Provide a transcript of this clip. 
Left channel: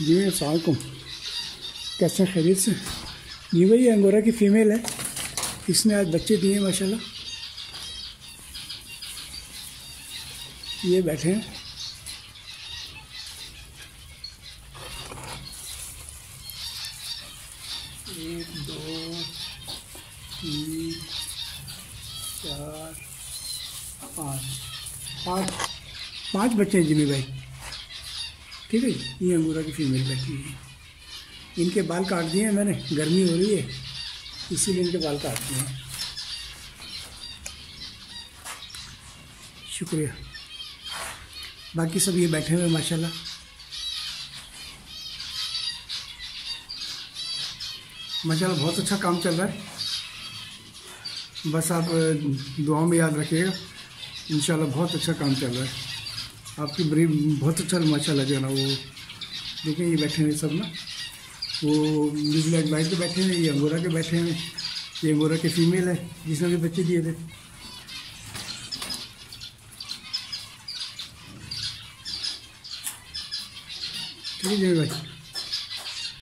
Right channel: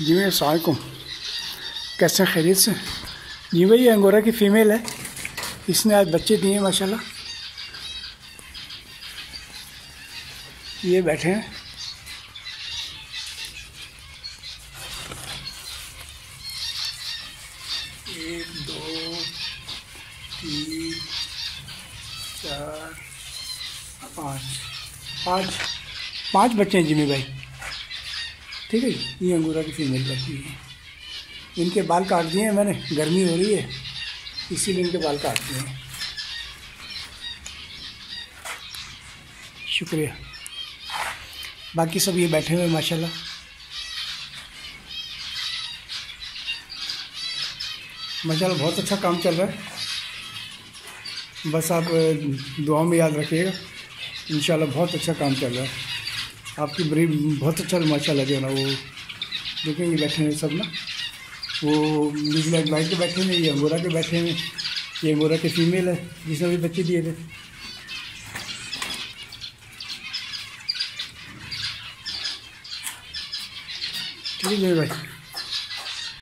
जी भाई अस्सलाम वालेकुम, कैसे हैं? खैरियत से? जी भाई ये अंगोरा की फ़ीमेल है, इसने आज बच्चे दिए हैं माशाल्लाह। ये बैठे हैं। एक दो तीन चार पाँच पाँच पाँच बच्चे हैं जिम्मे भाई। ठीक है, ये अंगोरा की फ़ीमेल बच्ची है। इनके बाल काट दिए हैं मैंने, गर्मी हो रही है इसीलिए इनके बाल काट दिए हैं। शुक्रिया। बाकी सब ये बैठे हुए माशाल्लाह। माशाल्लाह बहुत अच्छा काम चल रहा है। बस आप दुआ में याद रखिएगा, इंशाल्लाह बहुत अच्छा काम चल रहा है। आपकी ब्रीड बहुत अच्छा माशाल्लाह जो है ना, वो देखेंगे बैठे हैं सब ना, वो नीले एंड वाइट के बैठे हैं, ये अंगोरा के बैठे हैं। ये अंगोरा के फ़ीमेल है जिसने भी बच्चे दिए थे। ठीक है भाई।